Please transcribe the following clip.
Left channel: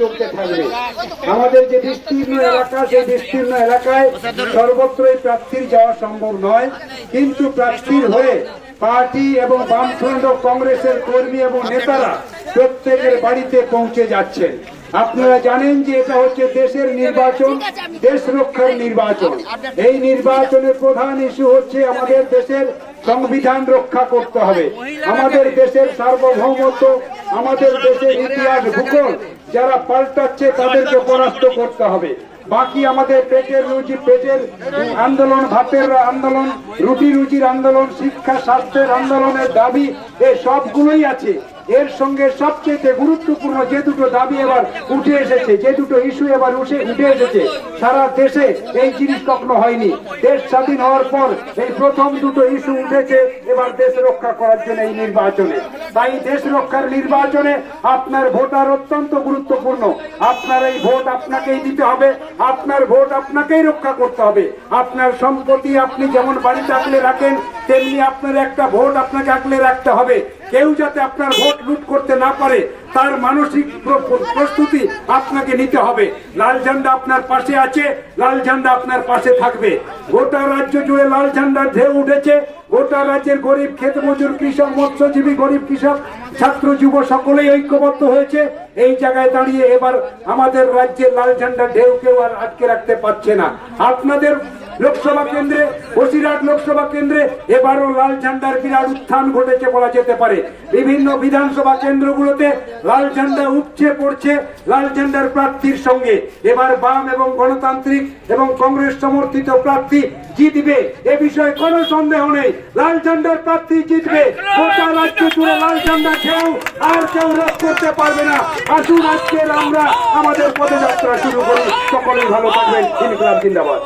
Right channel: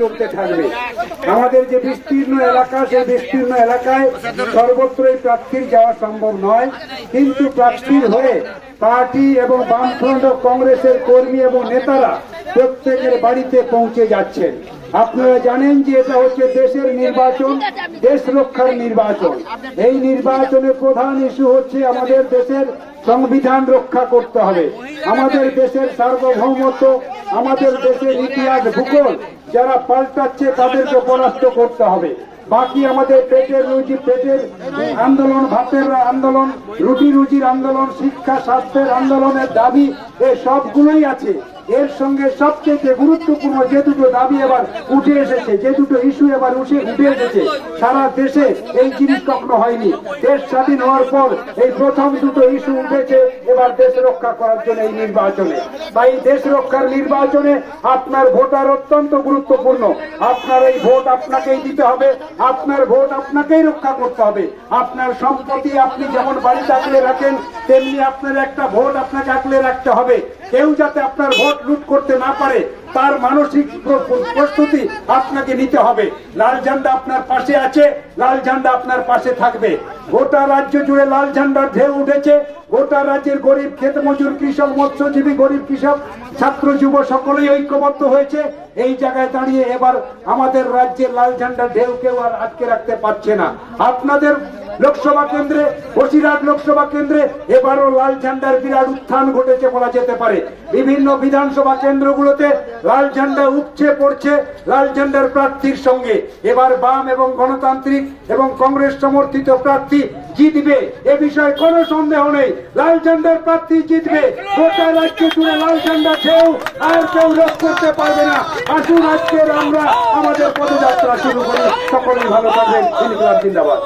চলতে থাকবে। আমাদের যে বিস্তীর্ণ এলাকা, সেই বিস্তীর্ণ এলাকায় সর্বত্রই প্রার্থীর যাওয়া সম্ভব নয়, কিন্তু প্রার্থীর হয়ে পার্টি এবং বামফ্রন্ট ও কংগ্রেসের কর্মী এবং নেতারা প্রত্যেকের বাড়িতে পৌঁছে যাচ্ছেন। আপনারা জানেন যে এটা হচ্ছে দেশের নির্বাচন, দেশ রক্ষার নির্বাচন। এই নির্বাচনের প্রধান ইস্যু হচ্ছে আমাদের দেশের সংবিধান রক্ষা করতে হবে, আমাদের দেশের সার্বভৌমত্ব, আমাদের দেশের ইতিহাস ভূগোল যারা পাল্টাচ্ছে তাদেরকে পরাস্ত করতে হবে। বাকি আমাদের পেটের আন্দোলন, ভাতের আন্দোলন, রুটি রুজির আন্দোলন, শিক্ষা স্বাস্থ্যের আন্দোলনের দাবি, এই সবগুলোই আছে। এর সঙ্গে সবচেয়ে গুরুত্বপূর্ণ যে দুটো দাবি এবার উঠে এসেছে, যে দুটো ইস্যু এবার উঠে এসেছে, সারা দেশে এই জিনিস কখনো হয়নি। দেশ স্বাধীন হওয়ার পর এই প্রথম দুটো ইস্যু উঠেছে এবার দেশ রক্ষা করার জন্য এই নির্বাচনে। তাই দেশ রক্ষার নির্বাচনে আপনার ভোটার অত্যন্ত গুরুত্বপূর্ণ। আপনার এই ভোট আপনাকেই দিতে হবে, আপনার ভোট আপনাকেই রক্ষা করতে হবে। আপনার সম্পত্তি আপনি যেমন বাড়িতে আগলে রাখেন, তেমনি আপনার একটা ভোট আপনাকে আগলে রাখতে হবে। কেউ যাতে আপনার ভোট লুট করতে না পারে তার মানসিক প্রস্তুতি আপনাকে নিতে হবে। লাল ঝান্ডা আপনার পাশে আছে, লাল ঝান্ডা আপনার পাশে থাকবে। গোটা রাজ্য জুড়ে লাল ঝান্ডার ঢেউ উঠেছে। গোটা রাজ্যের গরিব খেত মজুর, কৃষক, মৎস্যজীবী, গরিব কৃষক, ছাত্র, যুব সকলেই ঐক্যবদ্ধ হয়েছে। এই জায়গায় দাঁড়িয়ে এবার আমাদের রাজ্যের লাল ঝান্ডার ঢেউ কেউ আর আটকে রাখতে পারছে না। আপনাদের লোকসভা কেন্দ্রে, বসিরহাট লোকসভা কেন্দ্রে এবারও লাল ঝান্ডার বিরাট উত্থান ঘটেছে বলা যেতে পারে। বিভিন্ন বিধানসভা কেন্দ্রগুলোতে লাল ঝান্ডা উঠছে পড়ছে লাল ঝান্ডার প্রার্থীর সঙ্গে। এবার বাম এবং গণতান্ত্রিক এবং কংগ্রেস সমর্থিত প্রার্থী জিতবে, এ বিষয়ে কোনো সন্দেহ নেই। লাল ঝান্ডার প্রার্থী জিতবে। গোটা রাজ্য জুড়ে লাল ঝান্ডা কেউ আর কেউ রোধ করতে পারবে না। আসুন আজকের আমরা আমাদের পদযাত্রা শুরু করি। সকলেই ভালো থাকবেন। ইনকলাব জিন্দাবাদ।